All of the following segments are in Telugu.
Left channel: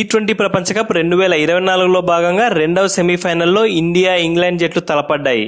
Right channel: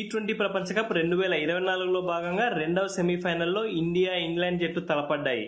టీ20 ప్రపంచ కప్ 2024లో భాగంగా రెండవ సెమీఫైనల్లో ఇండియా, ఇంగ్లాండ్ జట్లు తలపడ్డాయి.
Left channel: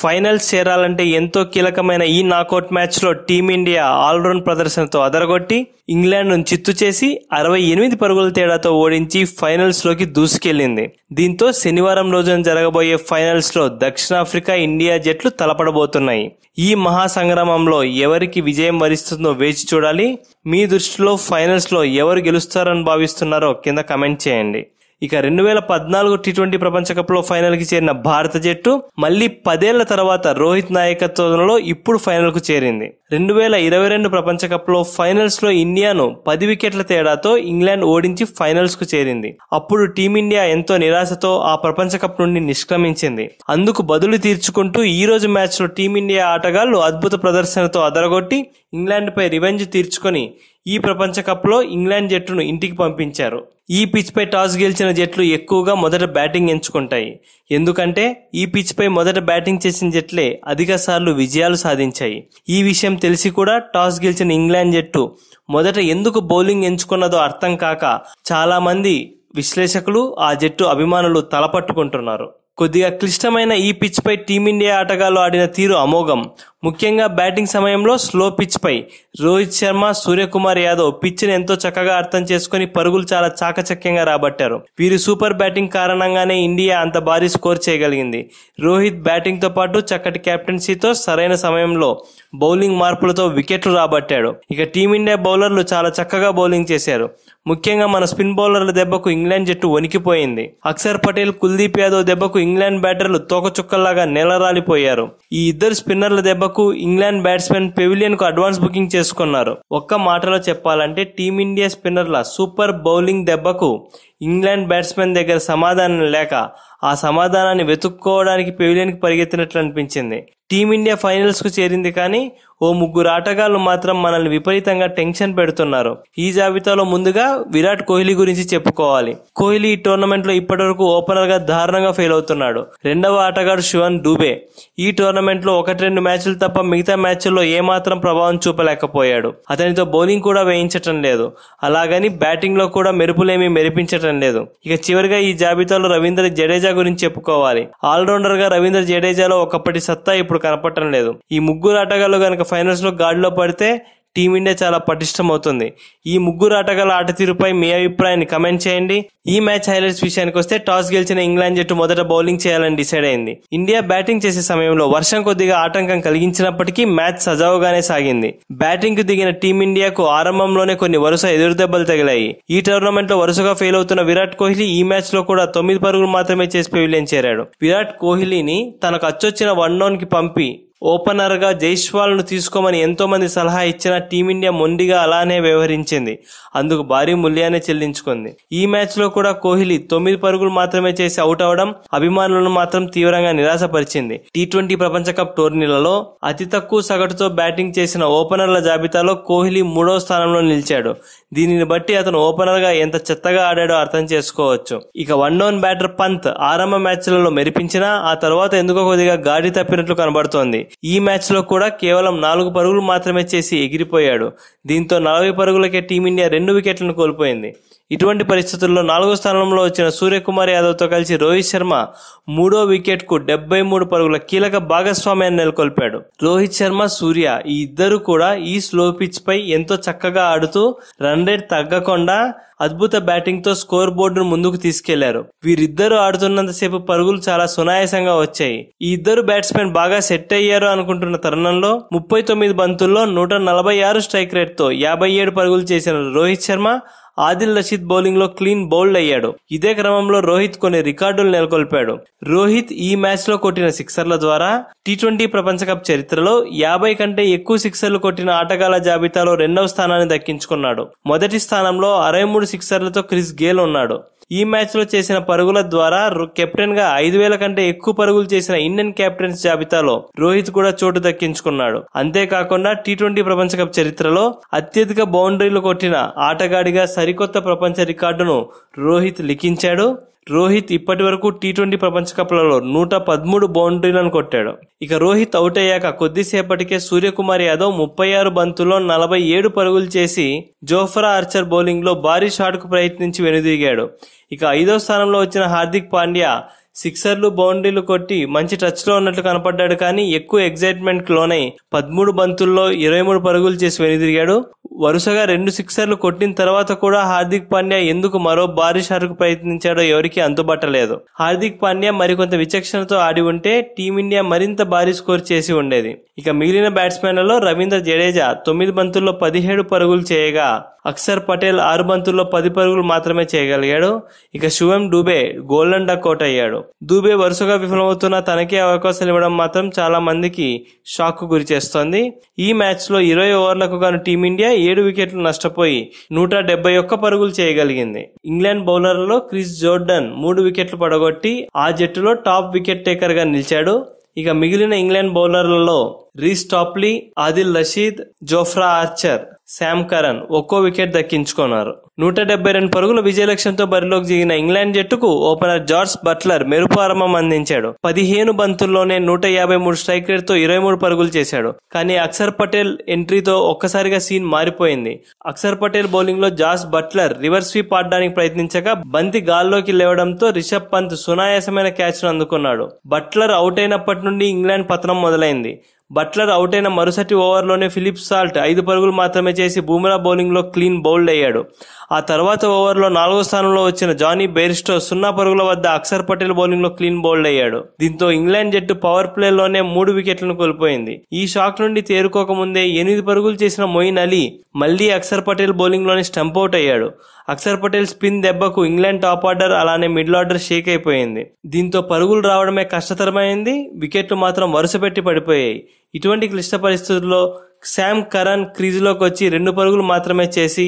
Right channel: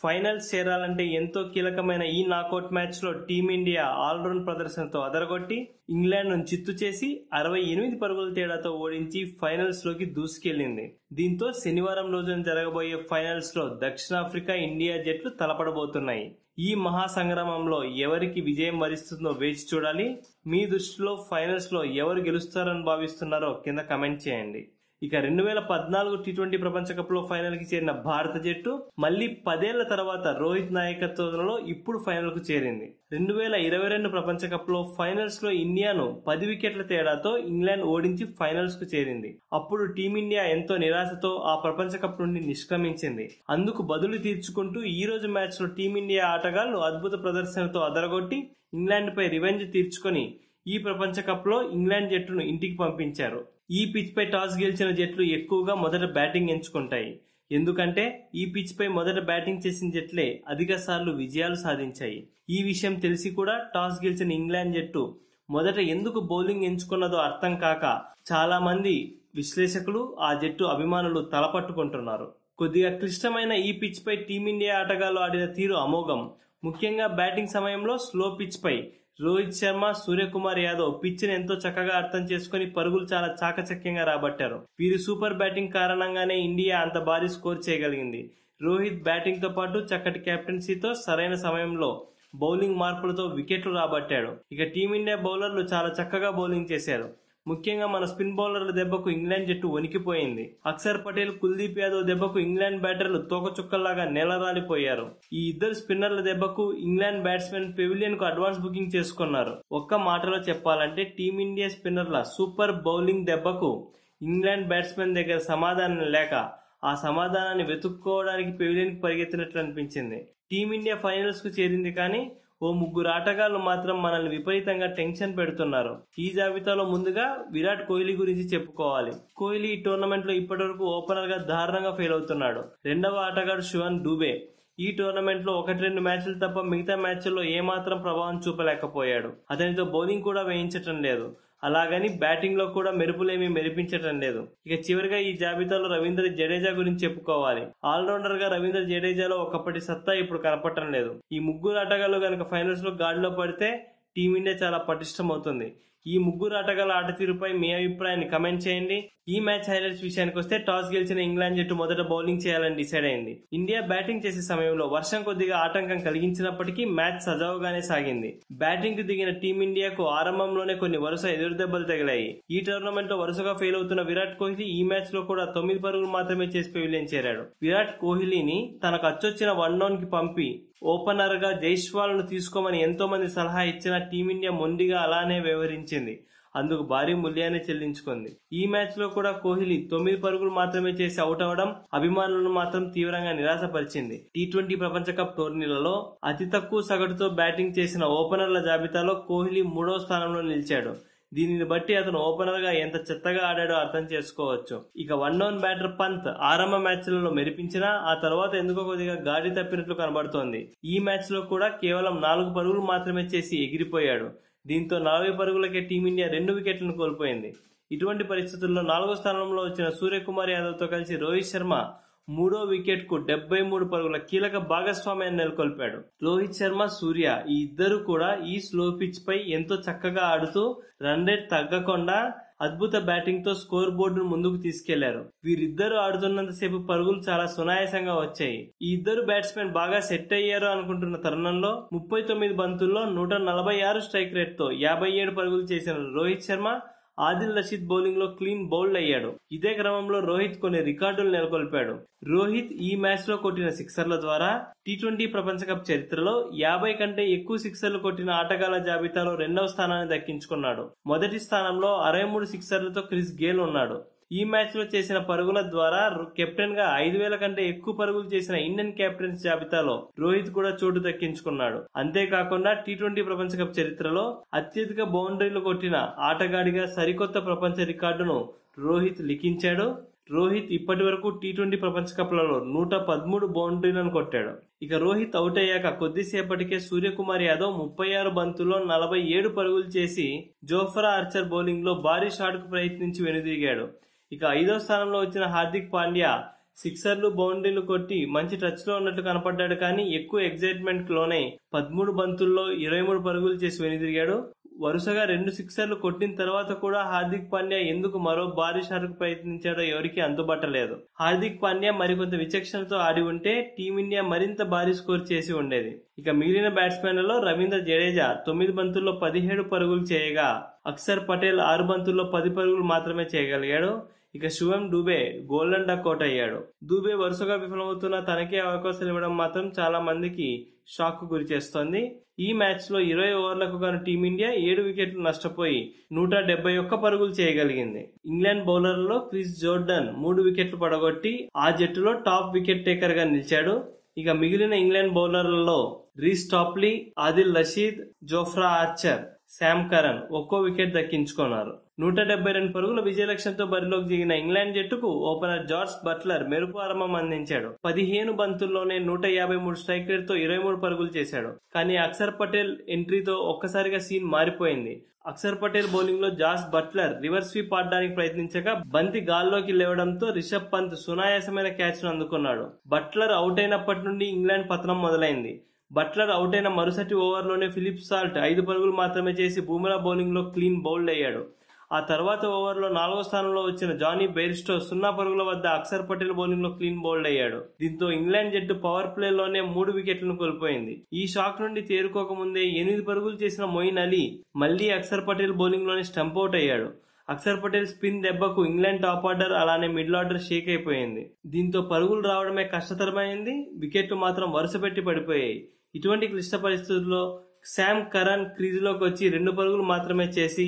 ఫైనల్స్ చేరాలంటే ఎంతో కీలకమైన ఈ నాకౌట్ మ్యాచ్లో టీమిండియా ఆల్రౌండ్ ప్రదర్శనతో అదరగొట్టి ఇంగ్లాండ్ను చిత్తు చేసి 68 పరుగుల తేడాతో ఓడించి ఫైనల్స్లోకి దూసుకెళ్లింది. దీంతో శనివారం రోజున జరగబోయే ఫైనల్స్లో దక్షిణాఫ్రికా, ఇండియా జట్లు తలపడబోతున్నాయి. ఈ మహాసంగ్రామంలో ఎవరికి విజయం వరిస్తుందో వేచి చూడాలి. మీ దృష్టిలో ఫైనల్స్లో ఎవరు గెలుస్తారని భావిస్తున్నారో కింద కమెంట్ చేయండి. ఇక 2014 టీ20 ప్రపంచ కప్లో ఫైనల్కి చేరిన భారత జట్టు మళ్లీ 10 ఏళ్ల తర్వాత రోహిత్ నాయకత్వంలో ఇప్పుడు ఫైనల్కు చేరింది. 2022 ప్రపంచ కప్లో ఫైనల్స్లో ఇండియాను 10 వికెట్ల తేడాతో ఇంగ్లాండ్ ఓడించి ఫైనల్స్కు చేరింది. అప్పుడు టీమిండియా ఎంతో నిరాశతో ఆ ప్రపంచ కప్ నుండి నిష్క్రమించింది. అందుకు బదులు తీర్చుకుంటూ ఈ రోజు మ్యాచ్లో టీమిండియా ఆటగాళ్లు అద్భుత ప్రదర్శనతో అదరగొట్టి ఇంగ్లాండ్పై రివెంజ్ తీర్చుకొని ఈ ప్రపంచ కప్లో ఇంగ్లాండ్ జట్టును ఇంటికి పంపించారు. ఈ పిచ్పై టాస్ గెలిచిన జట్లు ఎక్కువగా మొదట బ్యాటింగ్ ఎంచుకుంటాయి. ఎందుకంటే ఈ పిచ్పై మొదట బ్యాటింగ్ చేసిన జట్లే అధిక సార్లు విజయాలు సాధించాయి. ఈ విషయం తెలిసి కూడా టాస్ గెలిచిన ఇంగ్లాండ్ జట్టు మొదట ఎందుకు బౌలింగ్ ఎంచుకున్నదో అర్థం కాక చాలా మంది విశ్లేషకులు, ఆ జట్టు అభిమానులు తలపట్టుకుంటున్నారు. కొద్దిగా క్లిష్టమైన ఈ పిచ్ పై టీమిండియా ఆటగాళ్లు ఆడిన తీరు అమోఘం. ముఖ్యంగా బ్యాటింగ్ సమయంలో స్లో పిచ్ పై రోహిత్ శర్మ, సూర్యకుమార్ యాదవ్ పిచ్ని ఎంతో చక్కగా అర్థం చేసుకుని పరుగులు చాలా చాకచక్యంగా రాబట్టారు. వీరి సూపర్ బ్యాటింగ్ కారణంగానే ఇండియా అంత భారీ స్కోర్ చేయగలిగింది. రోహిత్ బ్యాటింగ్ తో పాటు చక్కటి కెప్టెన్సీతో సరైన సమయంలో బౌలింగ్ మార్పులతో వికెట్లు రాబట్టాడు. ఇక టీమిండియా బౌలర్లు చాలా చక్కగా బౌలింగ్ చేశారు. ముఖ్యంగా మన స్పిన్ బౌలర్ల దెబ్బకు ఇంగ్లాండ్ జట్టు వణికిపోయింది. అక్షర్ పటేల్, కుల్దీప్ యాదవ్ దెబ్బకు ఇంగ్లాండ్ బ్యాటర్లు తోకచుక్కల్లాగా నేలరాలిపోయారు. ఈ ఇద్దరు స్పిన్నర్ల దెబ్బకు ఇంగ్లాండ్ బ్యాట్స్మెన్ పెవిలియన్ కు అడ్వాన్స్ బుకింగ్ చేసుకున్నారు. ఒక్క మాటలో చెప్పాలంటే టీమిండియా స్పిన్నర్ల సూపర్ బౌలింగ్ దెబ్బకు ఇంగ్లాండ్ బ్యాట్స్మెన్ దగ్గర సమాధానం లేక ఆ సమాధానాన్ని వెతుక్కోవడానికి పెవిలియన్ కి పరిగెత్తినట్లు అనిపించింది. టీమిండియా ఫైనల్స్ కు చేరింది, కానీ ఓ ముగ్గురు ఆటగాళ్లు మాత్రం మనల్ని విపరీతంగా టెన్షన్ పెడుతున్నారు. ఈ జాబితాలో ముందుగా విరాట్ కోహ్లీ గురించి చెప్పుకోవాలి. కోహ్లీ ఈ టోర్నమెంట్ లో ఇప్పటివరకు ఓపెనర్ గా దారుణంగా ఫెయిల్ అవుతున్నాడు. రెండవ ఆటగాడు శివన్ దూబే ఈ టోర్నమెంట్ లో 1-2 మ్యాచ్లు తప్ప మిగతా మ్యాచ్ల్లో ఏమాత్రం ప్రభావం చూపలేకపోయాడు. అతనితో బౌలింగ్ కూడా వేయించటం లేదు. అలాగని బ్యాటింగ్ లో కూడా మెరుపులేమీ మెరిపించటం లేదు. ఇక చివరిగా ఈ జాబితాలో రవీంద్ర జడేజా గురించి చెప్పుకోవాలి. ఆల్రౌండర్ గా రవీంద్ర జడేజాలో ఒకప్పటి సత్తా ఇప్పుడు కనపడటం లేదు. ఈ ముగ్గురు ఆటగాళ్లు కనుక ఫైనల్స్ లో గాడిలో పడితే టీమిండియా చాలా పటిష్టమవుతుంది. ఈ ముగ్గురు ఆటగాళ్ల ఆట తీరుపై మీ అభిప్రాయాన్ని కమెంట్ చేయండి. ఈ మ్యాచ్ హైలైట్స్ విషయానికి వస్తే టాస్ గెలిచిన ఇంగ్లాండ్ జట్టు మొదట బౌలింగ్ చేయాలని డిసైడ్ అయింది. ఇండియా బ్యాటింగ్ చేసే సమయంలో వర్షం కొద్దిగా ఆటంకం కలిగించినప్పటికీ మ్యాచ్ సజావుగానే సాగింది. బ్యాటింగ్ కు దిగిన టీమిండియాకు ఆరంభంలోనే కొన్ని వరుస ఎదురుదెబ్బలు తగిలాయి. ఈ టోర్నమెంట్ లో వరుసగా ఫెయిల్ అవుతున్న విరాట్ కోహ్లీ ఈ మ్యాచ్ లో కూడా 9 పరుగులు మాత్రమే చేసి పెవిలియన్ చేరాడు. విరాట్ కోహ్లీని తనకు అచ్చొచ్చిన వన్ డౌన్ కి పంపి ఓపెనర్ గా జైస్వాల్ ను తీసుకోమని ఎంతో మంది సలహా ఇచ్చినా టీమిండియా మొండిగా అలానే వ్యవహరించింది. అందుకు భారీ మూల్యాన్ని చెల్లించుకుంది. ఈ మ్యాచ్ లో కూడా కోహ్లీ 9 పరుగులు మాత్రమే చేసి అవుట్ అవడం అభిమానులను మాత్రం తీవ్రంగా నిరాశపరిచింది. టీ20 ప్రపంచ కప్ టోర్నీలలో అతి తక్కువ సగటుతో బ్యాటింగ్ చేసిన ఓపెనర్ల జాబితాలో కోహ్లీ 3వ స్థానంలో నిలిచాడు. దీనిని బట్టి అతను ఓపెనర్ గా ఎంత చెత్తగా ఆడాడో అర్థం చేసుకోవచ్చు. ఇక వన్ డౌన్ బ్యాటర్ పంత్ ఆరంభ మ్యాచ్లలో మెరిపించినా ఆ తర్వాత ఎందుకో కొద్దిగా గాడి తప్పినట్లు కనబడుతోంది. ఈ మ్యాచ్ లో కూడా కేవలం 4 పరుగులు మాత్రమే చేసి ఎగిరిపోయాడు. దీంతో 40 పరుగులకే టీమిండియా 2 వికెట్లను కోల్పోయింది. ఇటువంటి పరిస్థితుల్లో 4వ స్థానంలో వచ్చిన సూర్యకుమార్ యాదవ్ తో కలిసి రోహిత్ శర్మ 3వ వికెట్ కు 73 పరుగుల కీలక భాగస్వామ్యాన్ని నెలకొల్పాడు. రోహిత్ శర్మ, సూర్య ఈ ఇద్దరు కూడా ఈ స్లో పిచ్ పై ఎంతో చక్కగా ఆడుతూ రన్ రేట్ తగ్గకుండా అద్భుత బ్యాటింగ్ తో స్కోర్ బోర్డును ముందుకు తీసుకెళ్లారు. వీరిద్దరూ ఆడుతున్నంతసేపు పరుగులు చాలా సునాయాసంగా వచ్చాయి. ఈ ఇద్దరు బ్యాట్స్మెన్ బాగా సెట్ అయ్యారు అనుకుంటున్న తరుణంలో 39 బంతుల్లో 146 స్ట్రైక్ రేట్ తో 57 పరుగులు చేసిన రోహిత్ శర్మ ఆదిల్ రషీద్ బౌలింగ్ లో క్లీన్ బౌల్డ్ అయ్యాడు. ఇదే క్రమంలో రోహిత్ కొన్ని రికార్డులు నెలకొల్పాడు. రోహిత్ ఈ మ్యాచ్ లో కొట్టిన సిక్సర్ల ద్వారా టీ20 ప్రపంచ కప్ చరిత్రలో 50 కంటే ఎక్కువ సిక్సర్లు కొట్టిన ఆటగాళ్ల జాబితాలో 2వ స్థానాన్ని దక్కించుకున్నాడు. మొదటి స్థానంలో 63 సిక్సర్లతో క్రిస్ గేల్ ఉన్నాడు. ఈ మ్యాచ్ లో చేసిన పరుగుల ద్వారా కెప్టెన్ గా 5,000 కంటే ఎక్కువ పరుగులు చేసిన ఇండియన్ కెప్టెన్స్ జాబితాలో రోహిత్ కూడా చోటు దక్కించుకున్నాడు. అంతేకాకుండా టీ20 ప్రపంచ కప్ చరిత్రలో అత్యధిక బౌండరీలు కొట్టిన ఆటగాడిగా సరికొత్త ప్రపంచ రికార్డును రోహిత్ లిఖించాడు. రోహిత్ ఇప్పటి వరకు టీ20 ప్రపంచ కప్లలో 113 బౌండరీలను కొట్టాడు. ఇక రోహిత్ అవుట్ అయ్యాక కొద్దిసేపటికే సూర్యకుమార్ యాదవ్ 36 బంతుల్లో 47 పరుగులు చేసి జోఫ్రా ఆర్చర్ బౌలింగ్ లో భారీ షాట్ కు ప్రయత్నించి వెనుదిరిగాడు. ఇక 5వ స్థానంలో వచ్చిన హార్దిక్ పాండ్యా సిక్సర్లు బౌండరీలు కొట్టి మంచి టచ్ లో ఉన్నట్లు కనపడ్డాడు. కానీ ఎక్కువ ఎగ్జైట్మెంట్ లోనై 13 బంతుల్లో 23 పరుగులు చేసి వెనుదిరిగాడు. వరుసగా 2 సిక్సర్లు కొట్టిన తర్వాత కూడా హార్దిక్ పాండ్యా ఎందుకు మరో భారీ షాట్ కు ప్రయత్నించాడో ఎవరికీ అంతుబట్టలేదు. హార్దిక్ పాండ్యా మరికొంత విచక్షణతో ఆడి ఉంటే టీమిండియా మరింత భారీ స్కోర్ చేసి ఉండేది. ఇక మిగిలిన బ్యాట్స్మెన్లలో రవీంద్ర జడేజా 9 బంతుల్లో 17 పరుగులు చేయగా అక్షర్ పటేల్ 6 బంతుల్లో 10 పరుగులు మాత్రమే చేయగలిగాడు. ఇక శుభం డూబే గోల్డెన్ డక్ అవుట్ అయ్యాడు. డూబే వరుసగా విఫలమవుతున్న తనకే అవకాశాలు ఇవ్వడం మాత్రం చాలా మందికి షాక్ కు గురి చేస్తోంది. ఈ మ్యాచ్ లో 20 ఓవర్లకు గాను టీమిండియా 7 వికెట్లు నష్టపోయి 171 పరుగులు చేయగలిగింది. ఇంగ్లాండ్ బౌలర్లలో క్రిస్ జోర్డన్ 3 వికెట్లు పడగొట్టి ఆ జట్టులో టాప్ వికెట్ టేకర్ గా నిలిచాడు. ఇక మిగిలిన ఇంగ్లాండ్ బౌలర్లలో Reece Topley, Adil Rashid, Jofra Archer, Sam Curran ఒక్కో వికెట్ దక్కించుకున్నారు. 172 పరుగుల విజయ లక్ష్యంతో బరిలోకి దిగిన ఇంగ్లాండ్ జట్టుకు ఓపెనర్ జార్జ్ బట్లర్ మెరుపు ఆరంభం అందించాడు. 15 బంతుల్లోనే 153 స్ట్రైక్ రేట్ తో 23 పరుగులు చేశాడు. కానీ అక్షర్ పటేల్ ఎంట్రీతో ఒక్కసారిగా సీన్ మారిపోయింది. అక్షర్ పటేల్ బౌలింగ్ లో జార్జ్ బట్లర్ రివర్స్ స్వీప్ ఆడడానికి ప్రయత్నించగా బంతి గాల్లోకి లేవడంతో రిషబ్ పంత్ సునాయాసమైన క్యాచ్ ను అందుకున్నాడు. బట్లర్ అవుట్ అయినప్పటి నుండి ఇంగ్లాండ్ పతనం మొదలైంది. బట్లర్ అవుట్ అయిన మరుసటి ఓవర్లోనే ఫిలిప్ సాల్ట్ 5 పరుగులు మాత్రమే చేసి బూమ్రా బౌలింగ్ లో క్లీన్ బౌల్డ్ అయ్యాడు. ఆ తర్వాత ఓవర్లో 4వ స్థానంలో వచ్చిన జానీ బెయిర్స్టో 0 పరుగుల వద్ద అక్షర్ పటేల్ బౌలింగ్ లో క్లీన్ బౌల్డ్ అయ్యాడు. దీంతో ఇంగ్లాండ్ జట్టు పవర్ ప్లే లోనే 3 వికెట్లను కోల్పోయింది. ఈ షాక్ నుండి తేరుకోకముందే 8 పరుగులు చేసిన మొయిన్ అలీ మళ్లీ అక్షర్ పటేల్ బౌలింగ్ లోనే స్టంప్ అవుట్ అయ్యాడు. అక్షర్ పటేల్ స్పిన్ దెబ్బకు ఇంగ్లాండ్ టాప్ ఆర్డర్ అలానే మిడిల్ ఆర్డర్ షేక్ అయిపోయింది. దీంతో పరుగులు రావడమే కష్టతరమైంది. వికెట్లు మాత్రం వరుసపెట్టి పడిపోయాయి. ఇటువంటి క్లిష్ట పరిస్థితుల్లో శామ్ కరన్ క్రీజులోకి వచ్చి 2 పరుగులు మాత్రమే చేసి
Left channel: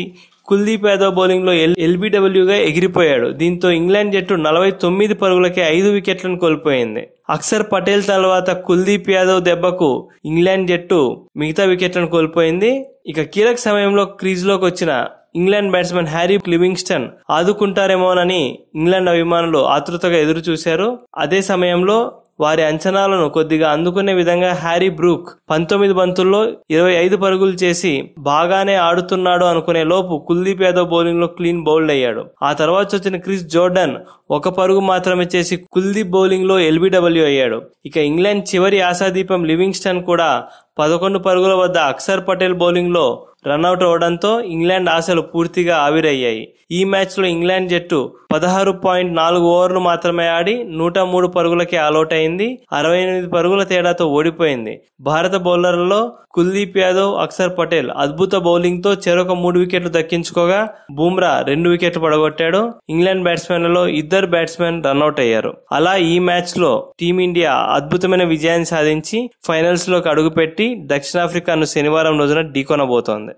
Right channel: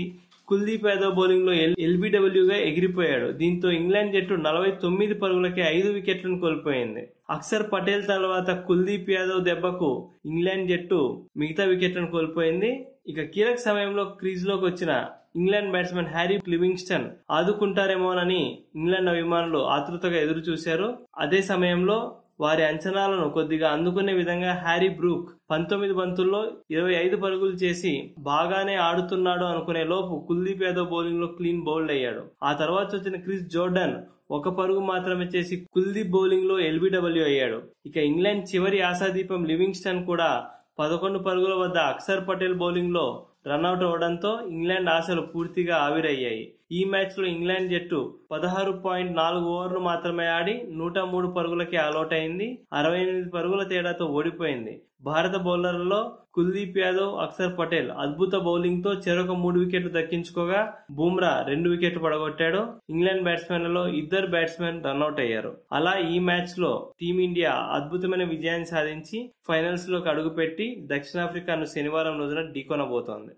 కుల్దీప్ యాదవ్ బౌలింగ్ లో ఎల్బీడబ్ల్యూగా ఎగిరిపోయాడు. దీంతో ఇంగ్లాండ్ జట్టు 49 పరుగులకే 5 వికెట్లను కోల్పోయింది. అక్షర్ పటేల్ తర్వాత కుల్దీప్ యాదవ్ దెబ్బకు ఇంగ్లాండ్ జట్టు మిగతా వికెట్లను కోల్పోయింది. ఇక కీలక సమయంలో క్రీజులోకి వచ్చిన ఇంగ్లాండ్ బ్యాట్స్మెన్ హ్యారీ లివింగ్స్టన్ ఆదుకుంటారేమోనని ఇంగ్లాండ్ అభిమానులు ఆతృతగా ఎదురు చూశారు. అదే సమయంలో వారి అంచనాలను కొద్దిగా అందుకునే విధంగా హ్యారీ బ్రూక్ 19 బంతుల్లో 25 పరుగులు చేసి బాగానే ఆడుతున్నాడు అనుకునే లోపు కుల్దీప్ యాదవ్ బౌలింగ్ లో క్లీన్ బౌల్డ్ అయ్యాడు. ఆ తర్వాత వచ్చిన క్రిస్ జోర్డన్ 1 పరుగు మాత్రమే చేసి కుల్దీప్ బౌలింగ్ లో ఎల్బీడబ్ల్యూ అయ్యాడు. ఇక ఇంగ్లాండ్ చివరి ఆశాదీపం లివింగ్స్టన్ కూడా 11 పరుగుల వద్ద అక్షర్ పటేల్ బౌలింగ్ లో రన్అట్ అవడంతో ఇంగ్లాండ్ ఆశలు పూర్తిగా ఆవిరయ్యాయి. ఈ మ్యాచ్ లో ఇంగ్లాండ్ జట్టు 16.4 ఓవర్లు మాత్రమే ఆడి 103 పరుగులకే ఆలౌట్ అయింది. 68 పరుగుల తేడాతో ఓడిపోయింది. భారత బౌలర్లలో కుల్దీప్ యాదవ్, అక్షర్ పటేల్ అద్భుత బౌలింగ్ తో చెరొక 3 వికెట్లు దక్కించుకోగా బూమ్రా 2 వికెట్లు పడగొట్టాడు. ఇంగ్లాండ్ బ్యాట్స్మెన్లలో 2 బ్యాట్స్మెన్ రన్అట్ అయ్యారు. అలా ఈ మ్యాచ్ లో టీమిండియా అద్భుతమైన విజయాన్ని సాధించి ఫైనల్స్ లోకి అడుగుపెట్టి దక్షిణాఫ్రికాను శనివారం రోజున ఢీకొనబోతోంది.